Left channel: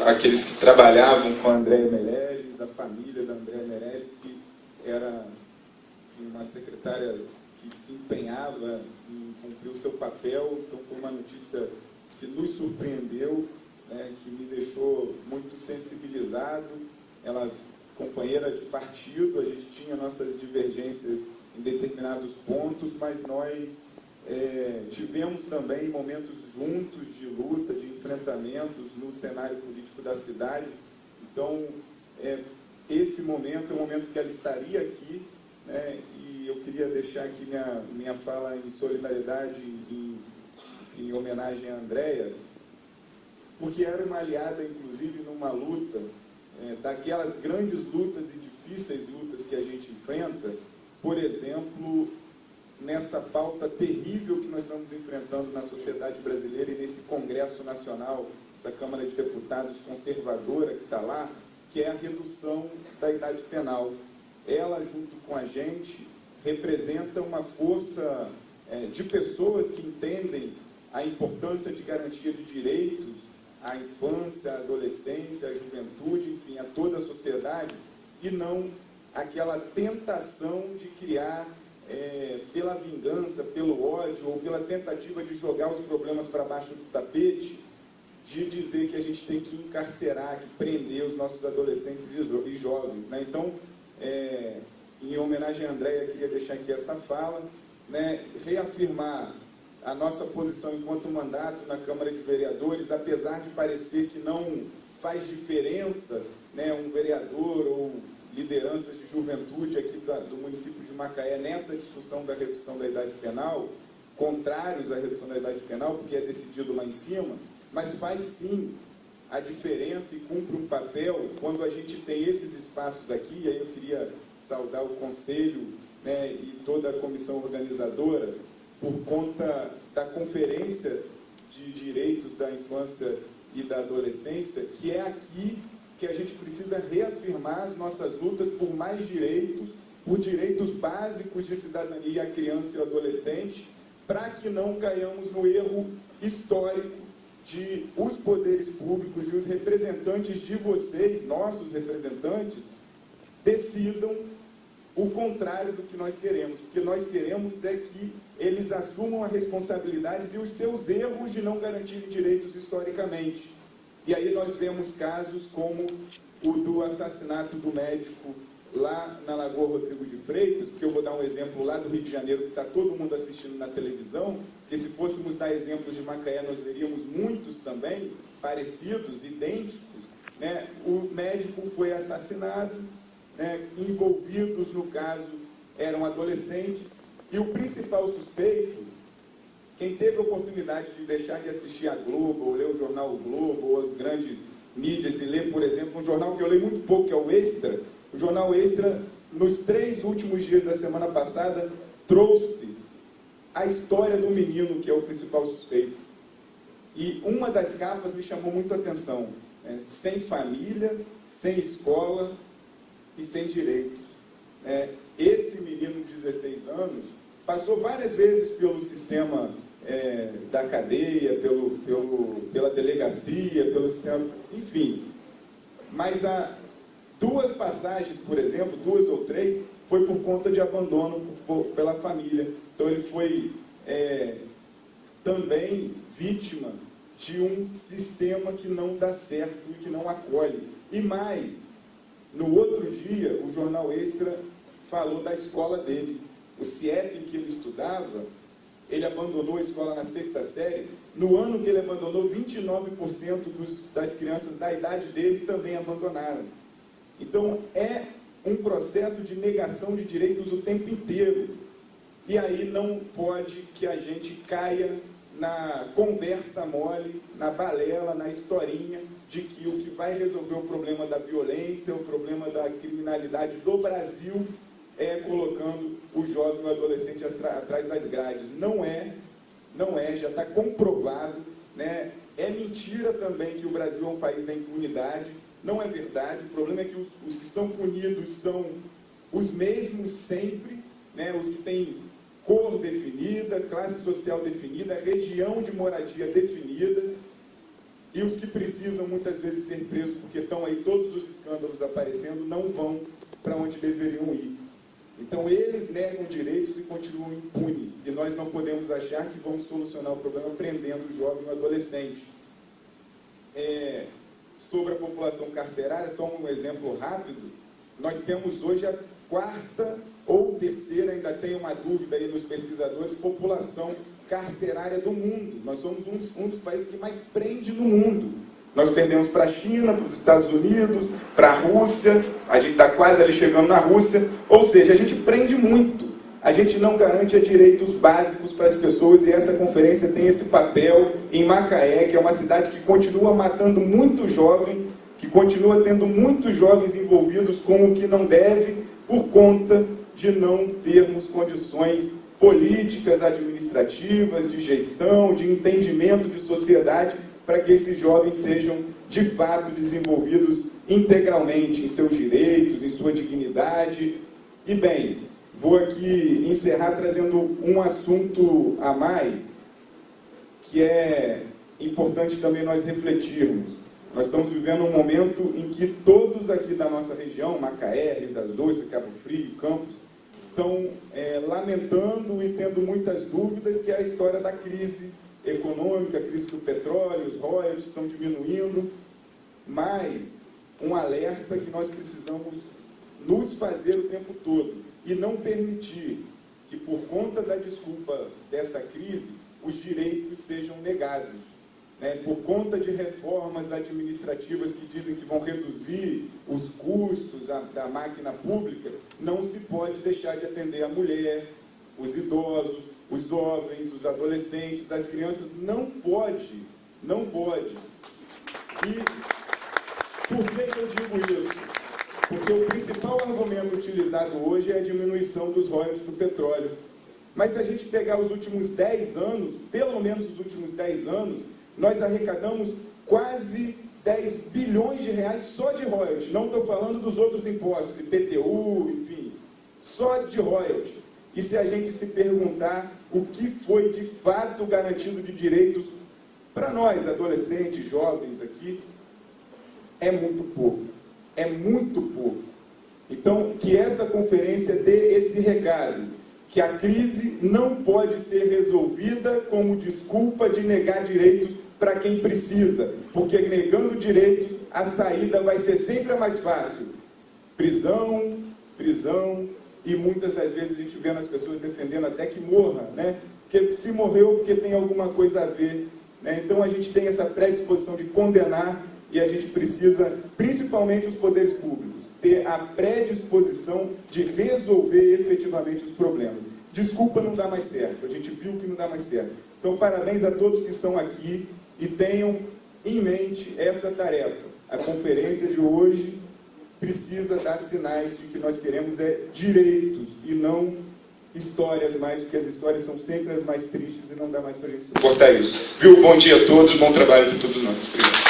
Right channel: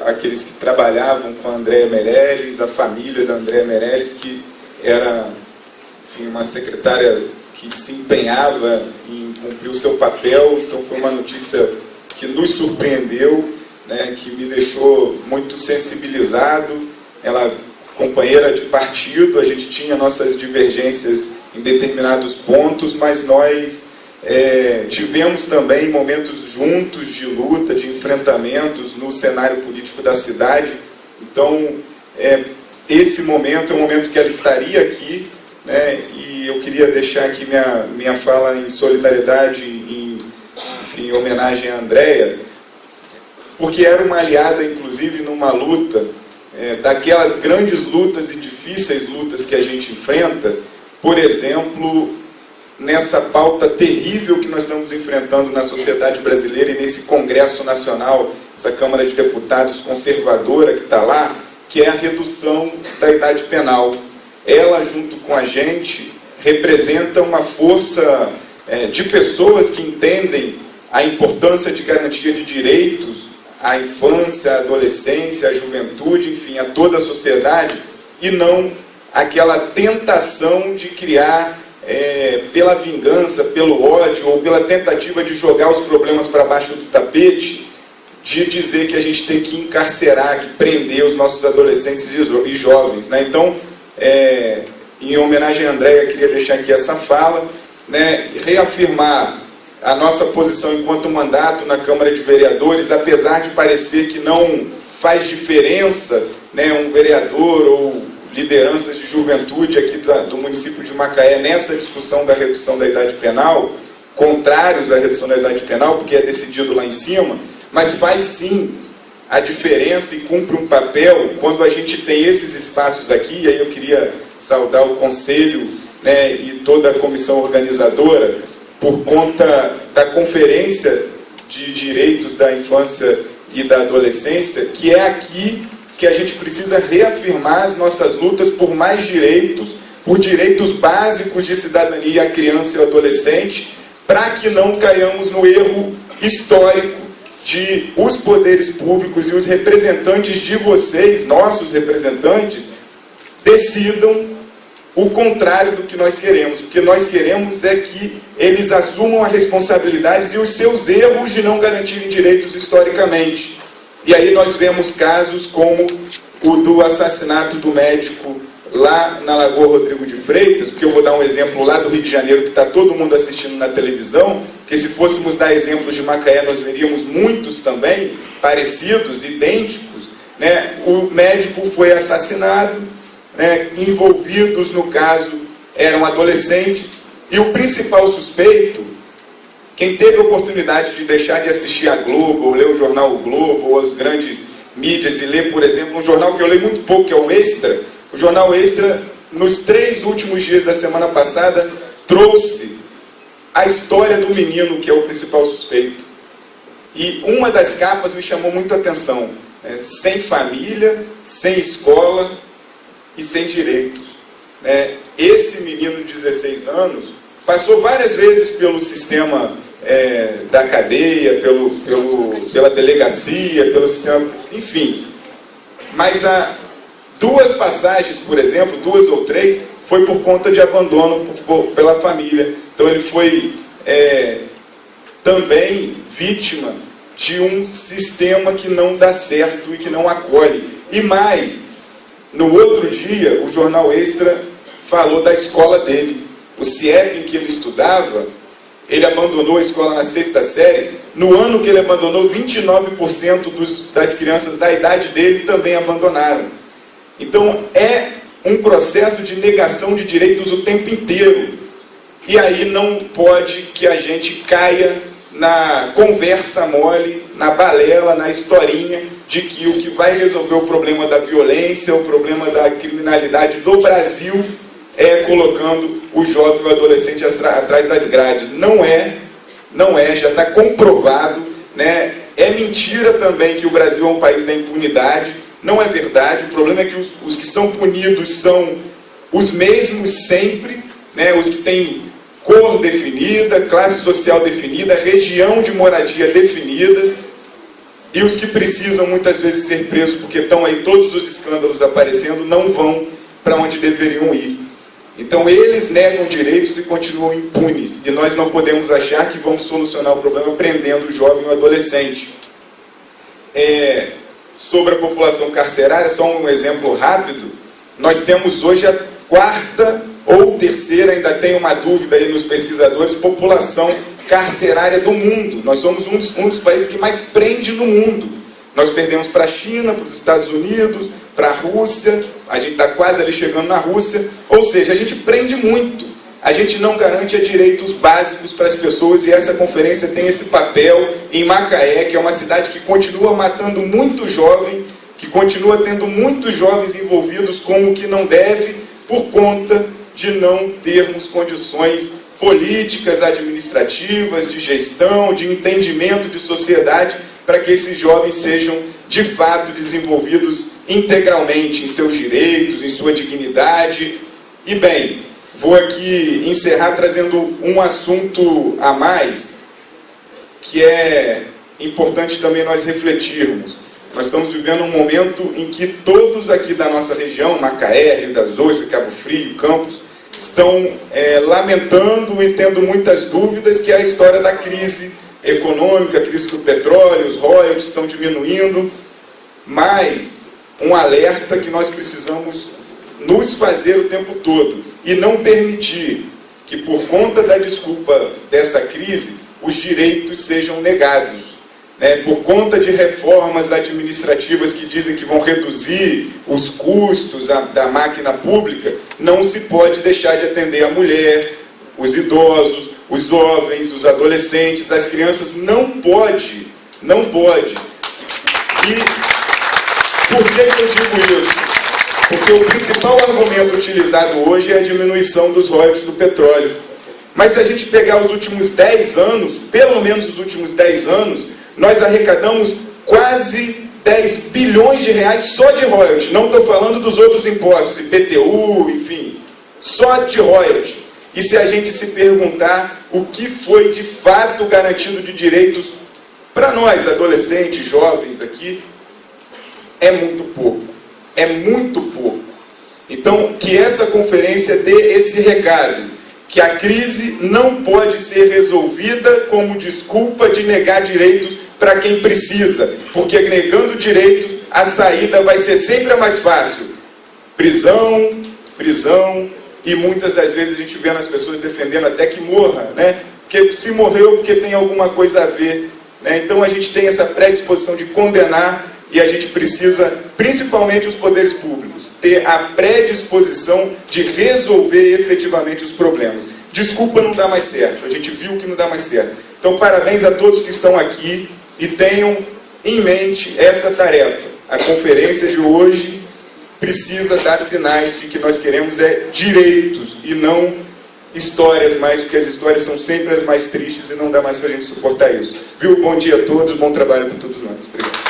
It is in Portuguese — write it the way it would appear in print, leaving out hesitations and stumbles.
aqueles que trabalhavam com a Andréa Meirelles, a família da Andréa Meirelles, que era, enfim, uma secretária que se empenhava em cumprir o seu papel. Então foi uma notícia que nos surpreendeu, né, que me deixou muito sensibilizado. Ela, companheira de partido, a gente tinha nossas divergências em determinados pontos, mas nós tivemos também momentos juntos de luta, de enfrentamentos no cenário político da cidade. Então, esse momento é um momento que ela estaria aqui, né, e eu queria deixar aqui minha fala em solidariedade, enfim, em homenagem à Andréa, porque era uma aliada, inclusive, numa luta, daquelas grandes lutas e difíceis lutas que a gente enfrenta, por exemplo, nessa pauta terrível que nós estamos enfrentando na sociedade brasileira e nesse Congresso Nacional, essa Câmara de Deputados conservadora que está lá, que é a redução da idade penal. Ela, junto com a gente, representa uma força de pessoas que entendem a importância de garantia de direitos à infância, à adolescência, à juventude, enfim, a toda a sociedade, e não aquela tentação de criar, pela vingança, pelo ódio ou pela tentativa de jogar os problemas para baixo do tapete, de dizer que a gente tem que encarcerar, que prender os nossos adolescentes e jovens, né? Então, em homenagem à Andréa, eu queria deixar aqui essa fala, né, reafirmar a nossa posição enquanto mandato na Câmara de Vereadores, apesar de parecer que não faz diferença, né, um vereador ou lideranças de juventude aqui do município de Macaé nessa discussão da redução da idade penal, contrários à redução da idade penal, porque é decidido lá em cima, mas faz sim a diferença e cumpre um papel quando a gente tem esses espaços aqui. E aí eu queria saudar o Conselho, né, e toda a comissão organizadora por conta da Conferência de Direitos da Infância e da Adolescência, que é aqui que a gente precisa reafirmar as nossas lutas por mais direitos, por direitos básicos de cidadania à criança e ao adolescente, para que não caiamos no erro histórico de os poderes públicos e os representantes de vocês, nossos representantes, decidam o contrário do que nós queremos. O que nós queremos é que eles assumam as responsabilidades e os seus erros de não garantirem direitos historicamente. E aí nós vemos casos como o do assassinato do médico lá na Lagoa Rodrigo de Freitas, porque eu vou dar um exemplo lá do Rio de Janeiro, que está todo mundo assistindo na televisão, porque se fôssemos dar exemplos de Macaé, nós veríamos muitos também, parecidos, idênticos, né? O médico foi assassinado, né? Envolvidos no caso eram adolescentes, e o principal suspeito, quem teve a oportunidade de deixar de assistir a Globo, ou ler o jornal O Globo, ou as grandes mídias, e ler, por exemplo, um jornal que eu leio muito pouco, que é o Extra, o jornal Extra, nos 3 últimos dias da semana passada, trouxe a história do menino, que é o principal suspeito. E uma das capas me chamou muito a atenção, né? Sem família, sem escola e sem direitos. Esse menino de 16 anos passou várias vezes pelo sistema da cadeia, pela delegacia, pelo sistema, enfim. Mas há 2 passagens, por exemplo, 2 ou 3, foi por conta de abandono pela família. Então ele foi também vítima de um sistema que não dá certo e que não acolhe. E mais, no outro dia, o jornal Extra falou da escola dele. O CIEP em que ele estudava, ele abandonou a escola na 6ª série. No ano que ele abandonou, 29% das crianças da idade dele também abandonaram. Então, é um processo de negação de direitos o tempo inteiro. E aí não pode que a gente caia na conversa mole, na balela, na historinha, de que o que vai resolver o problema da violência, o problema da criminalidade do Brasil, é colocando o jovem e o adolescente atrás das grades. Não é, já está comprovado, né? É mentira também que o Brasil é um país da impunidade, não é verdade. O problema é que os que são punidos são os mesmos sempre, né? Os que têm cor definida, classe social definida, região de moradia definida. e os que precisam muitas vezes ser presos porque estão aí todos os escândalos aparecendo, não vão para onde deveriam ir. Então eles negam direitos e continuam impunes, e nós não podemos achar que vamos solucionar o problema prendendo o jovem ou adolescente. Sobre a população carcerária, só um exemplo rápido, nós temos hoje a quarta ou terceira, ainda tem uma dúvida aí nos pesquisadores, população carcerária do mundo. Nós somos um dos países que mais prende no mundo. Nós perdemos para a China, para os Estados Unidos, para a Rússia, a gente está quase ali chegando na Rússia, ou seja, a gente prende muito, a gente não garante direitos básicos para as pessoas, e essa conferência tem esse papel em Macaé, que é uma cidade que continua matando muito jovem, que continua tendo muitos jovens envolvidos com o que não deve, por conta de não termos condições políticas, administrativas, de gestão, de entendimento de sociedade, para que esses jovens sejam, de fato, desenvolvidos integralmente em seus direitos, em sua dignidade. E, bem, vou aqui encerrar trazendo um assunto a mais, que é importante também nós refletirmos. Nós estamos vivendo um momento em que todos aqui da nossa região, Macaé, Rio das Ostras, Cabo Frio, Campos, estão lamentando e tendo muitas dúvidas, que é a história da crise econômica, a crise do petróleo, os royalties estão diminuindo, mas um alerta que nós precisamos nos fazer o tempo todo e não permitir que, por conta da desculpa dessa crise, os direitos sejam negados. Por conta de reformas administrativas que dizem que vão reduzir os custos da máquina pública, não se pode deixar de atender a mulher, os idosos, os jovens, os adolescentes, as crianças, não pode. E por que eu digo isso? Porque o principal argumento utilizado hoje é a diminuição dos royalties do petróleo. Mas se a gente pegar os últimos 10 anos, pelo menos os últimos 10 anos, nós arrecadamos quase 10 bilhões de reais só de royalties. Não estou falando dos outros impostos, IPTU, enfim, só de royalties. E se a gente se perguntar o que foi de fato garantido de direitos para nós, adolescentes, jovens aqui, é muito pouco. É muito pouco. Então, que essa conferência dê esse recado, que a crise não pode ser resolvida como desculpa de negar direitos para quem precisa, porque negando direitos, a saída vai ser sempre a mais fácil. Prisão, e muitas das vezes a gente vê as pessoas defendendo até que morra, porque se morreu porque tem alguma coisa a ver. Então a gente tem essa predisposição de condenar, e a gente precisa, principalmente os poderes públicos, ter a predisposição de resolver efetivamente os problemas. Desculpa não dá mais certo, a gente viu que não dá mais certo. Então parabéns a todos que estão aqui e tenham em mente essa tarefa. A conferência de hoje precisa dar sinais de que nós queremos direitos e não histórias mais, porque as histórias são sempre as mais tristes e não dá mais para a gente suportar isso. Viu? Bom dia a todos, bom trabalho para todos nós. Obrigado.